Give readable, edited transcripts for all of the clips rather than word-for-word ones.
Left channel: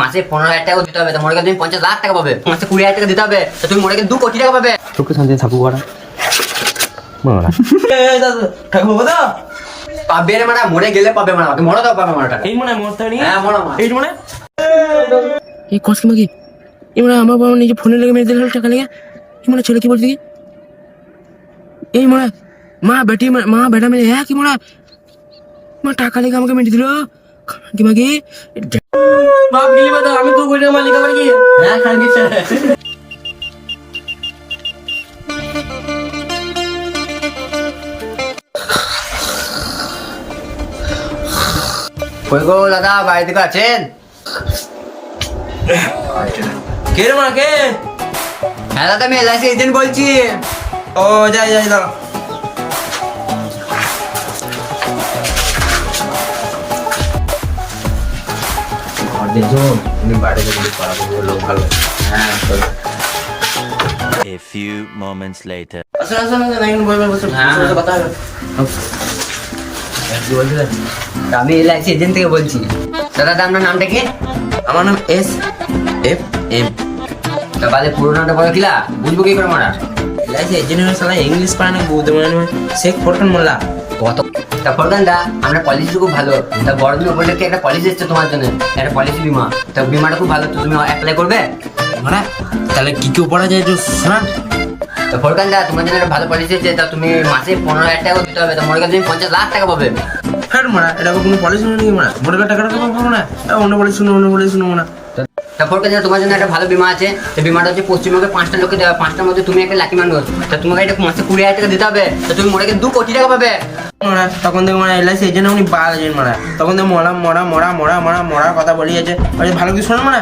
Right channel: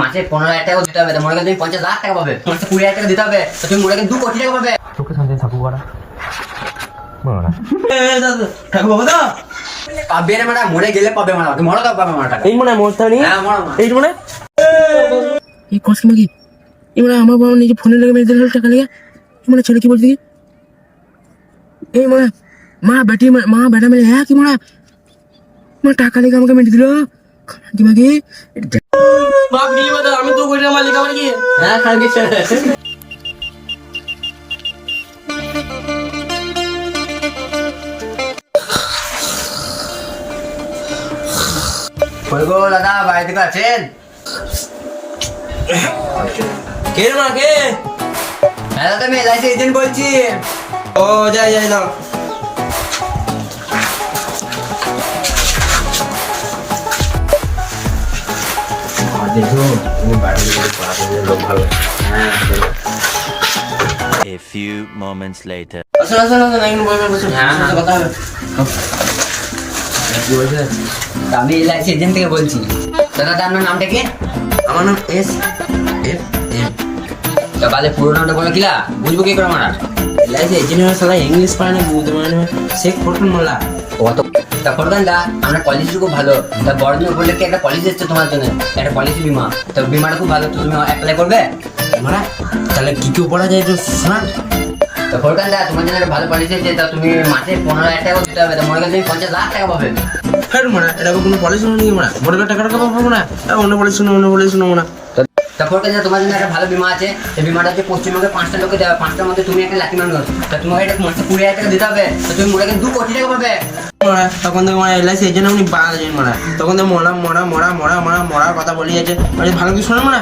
মাসে 15,000 টাকা দিতে হবে, তো মনে করো তুমি 50 লাখ টাকা পাবে। মাসে 20,000 টাকা দিতে হবে, তো তুমি মনে করো 2 কোটি টাকা পাবে। তোকে শান্তি থাকবো করা মারা থাকবো তো পাবে রে মারা, মরে গেলে পাবে মারা, মরে দাও পাবে মারা টাকা। এই মনে মরতে পারি হ্যাঁ মরো মা। এই মনে এই কষ্ট মাগি এই মনে আমার বাবা নিজে ফোনে লেগে মেরে দিল টাকা লেগে। এই মনে ছেলে কি বলছি কি এই মনে মা বেটি মা বেটা মেরে হ্যাঁ কি মনে মা টাকা লেগে আমাকে মেরে দিল কি মাগি বাপ গেলি বাদা আমি তো কইরা মালিক আবার কি হ্যাঁ খাই গেছে। কই গো দাদা, বাড়ি থেকে আছেন? কে রে মা কে হ্যাঁ দাদা, আমি এলআইসি এজেন্ট বলছি। ও যাই যাই দাও A few moments later. আসুন আসুন আসুন এখানে বসুন হ্যাঁ, হ্যাঁ। কথা হবে কি বলছেন? আমি এলআইসি এজেন্ট থেকে বলছি। দাদা আপনার নামটা কি? আমার নাম এস এফ এম তো বালে পুরো নামটা বলো কিলা, বুঝবো কি করে মারা? এলআইসি এজেন্ট সালা ইংলিশ পারে না বুঝতে পারে না শেখ ফোরকান মোল্লা কত তা ফরকান দা, আমরা পলিসি খুব ভালো। তা বড়দিন বললে কি একটা পলিসি এসছে তোমার জন্য, একটা পলিসি বিমা। তো বিমাটা খুব ভালো, তো তুমি অ্যাপ্লাই করবে? মারা তাহলে কি কি পড়া যায় তো শোনা তো ফরকান দা, তোমার জন্য একটা ভালো পলিসি আছে। তা তুমি মাসে 15,000 টাকা দিতে হবে, তো মনে করো তুমি 50 লাখ টাকা পাবে। ফের মারা এটা কোনো পলিসি শুনে নাকি মারা মোটর টাকা টাকা পাবো না অন্য পলিসি শুনো অন্য পলিসি শুনো না তা ফরকান দা, তোমার জন্য একটা ভালো বিমা আছে। তো বিমাটা হচ্ছে পশ্চিমবঙ্গে 5টা লোককে দেওয়া, 5টার মধ্যে তুমি একটা লাকি মানুষ। তা তোমাকে এটা মাসে 20,000 টাকা দিতে হবে, তো তুমি মনে করো 2 কোটি টাকা পাবে। মারা তখন দেখো মানে এলআইসি এজেন্ট উনি বাঘ এজেন্ট মারা তখন দেখো মরা মরা মরা মরা মরা মরার কথা বলি আছে ভালো কিছু শোনে মানে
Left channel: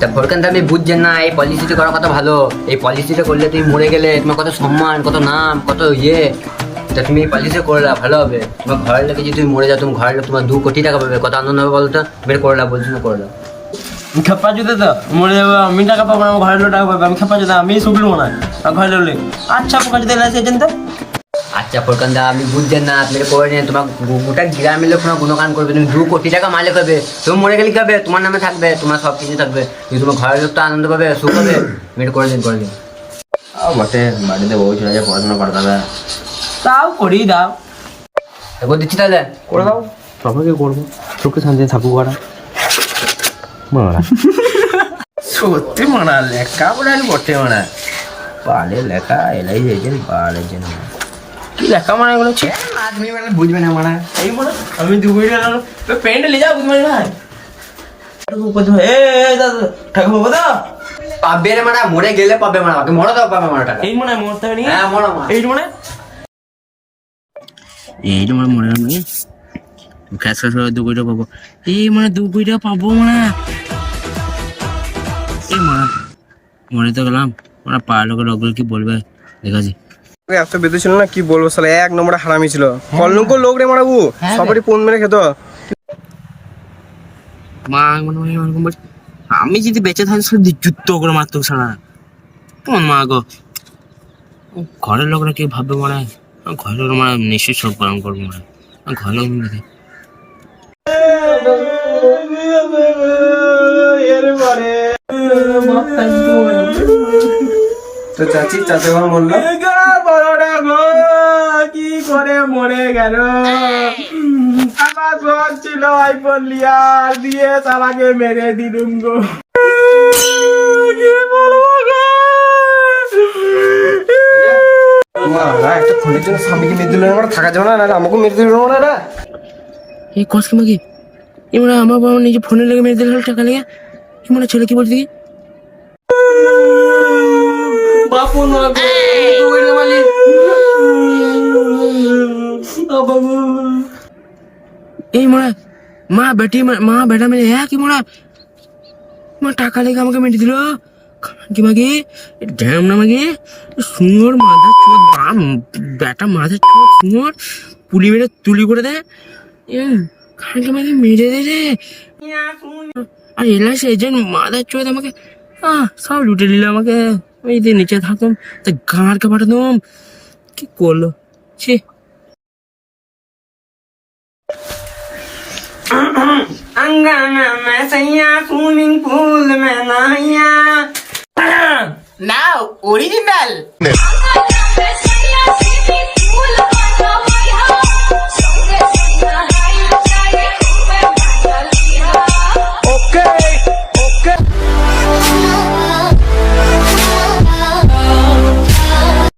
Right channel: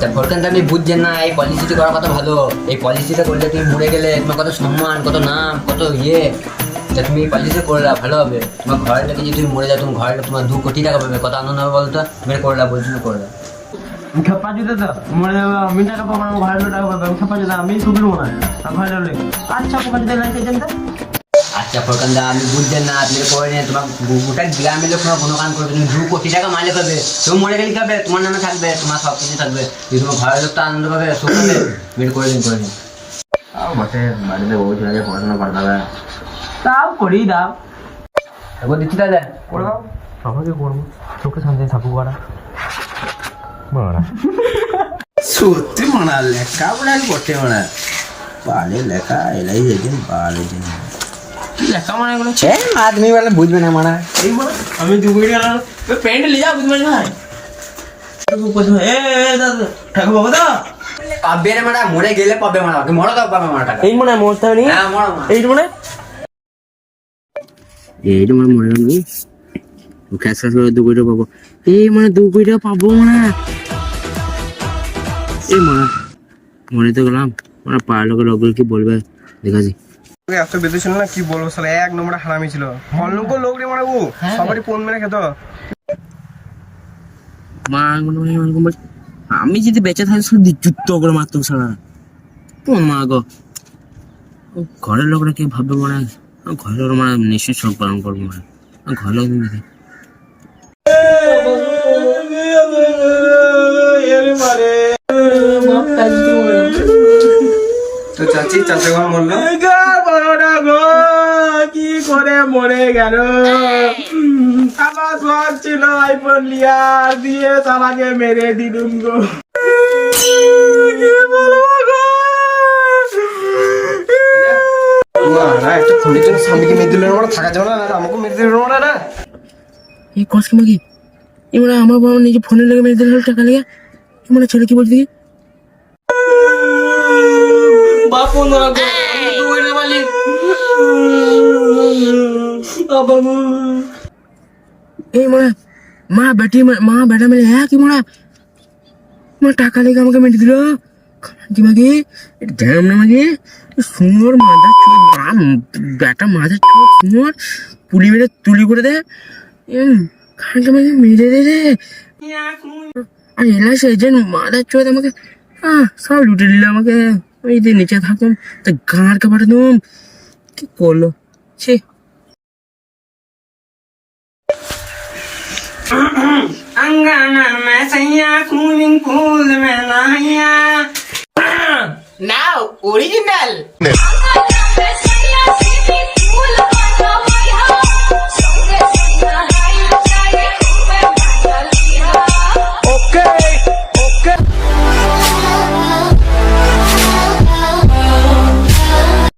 তা ফরকান দা, আমি বুঝছেন না, এই পলিসিটা করার কথা ভালো। এই পলিসিটা করলে তুমি মরে গেলে তোমার কত সম্মান, কত নাম, কত ইয়ে। তা তুমি এই পলিসিটা করে দাও, ভালো হবে। তোমার ঘরের লোকে যদি তুমি মরে যাও, তুমি ঘরের লোক তোমার 2 কোটি টাকা পাবে, কত আনন্দ হবে বলো তো। বের করে দাও, বলছি না, করে দাও। খেপা জুতে তো মরে যাবো আমি টাকা পাবো না আমার ঘরের লোক টাকা পাবো আমি খেপা জুতে আমি শুধু না ঘরের লোক আচ্ছা পোকা যদি এলআইসি এজেন্ট আচ্ছা ফরকান দা, আমি বুঝছেন না, আপনি করে নিন। তোমার গোটা গ্রামের লোক তোমার গুণগান করবে, তুমি 2 কোটি টাকা মাইলে পাবে। তুমি মরে গেলে কি হবে? তোমার নামে থাকবে, তোমার সব কিছু থাকবে। তুমি তোমার ঘরের লোক তো আনন্দ পাবে, সুখ হবে। বের করে দিন, করে দিন। বটে বাড়িতে বউ ছিল যে পড়াশোনা করতে হবে তাও করেই দাও তারপর দিচ্ছি তাহলে। করে দাও সবাইকে করবো চোখে শান্তি থাকবো করা মারা সত্যি মানা লেখা পড়াল বটে মানা পালে লেখা এলআইসি এজেন্ট পাল এজেন্ট কি লেখা মানে এগুলো তুমি বলে বুঝবে না মারা। এই মানে আমি দুপুরে গেলাম প্যান্ট নিয়ে যাও বুঝতে ভাই এ দাদা ঠাকুর বাবা দা পাবে রে মারা, মরে গেলে পাবে মারা, মরে দাও পাবে মারা টাকা। এই মানে মরতে পারি হ্যাঁ মরো মা। এই মানে এইটা মানে মরে গেল ক্যাশ ক্যাশ করে 2 কোটি টাকা পাবো এই মানে 2 কোটি টাকা পাবো মানে এই মানে মরে তো গেলাম মানে পাড়ার লোকের লোকগুলো কি বলবে দেখাছি এত বেঁধে ছিল না কি বলবো সালা এক নম্বরে হারামি ছিল কলঙ্ক লোক রে মারাবু সবারই ফোন মেরে খেত মা মানে এরকম বলছে আমি যদি বেঁচে থাকি শুধু যুদ্ধ করে মারতো সারা তোমার মা গো ঘরের লোকরা কি ভাববে মানে ঘরের লোক মানে নিশ্চয়ই শোক পালন করবো মানে ঘরের লোক দেখে তো চাচি চাচা বললো কি করে মরে গেল আমার শখ ছিল আইফোন লিয়ার দিয়ে চালাকে মেরে দিলুম গো একটা ফোনের জন্য স্বামীকে মেরে দিল না থাকা যাবে না আমাকে মেরে দিল না এই কষ্ট মাগি এই মানে আমার বাবা নিজে ফোনে লেগে মেরে দিল টাকা লেগে এই মানে ছেলে কি বলছি কি বাপু মালিক এই মানে মা বেটা মেরে হ্যাঁ কি মানে মা টাকা লেগে আমাকে মেরে দিল কি মাগি ড্যাম না মাগি সুন্দর মাথা চোখ বেটা মাথা চোখ সুন্দর পুলি মেরে তুলি করে দে খানকে মাগি মেরে দে রে আর এলআইসি এজেন্ট মাথার চোখ আমাকে সব লুটে নিল আমাকে ওই যে নিচে থাকতাম তা গাঁড় কে পাঠাতাম কি করলো ছি अंगना में सैया स्विमिंग पूल में नहैया নাও অরিজিনাল Swimming pool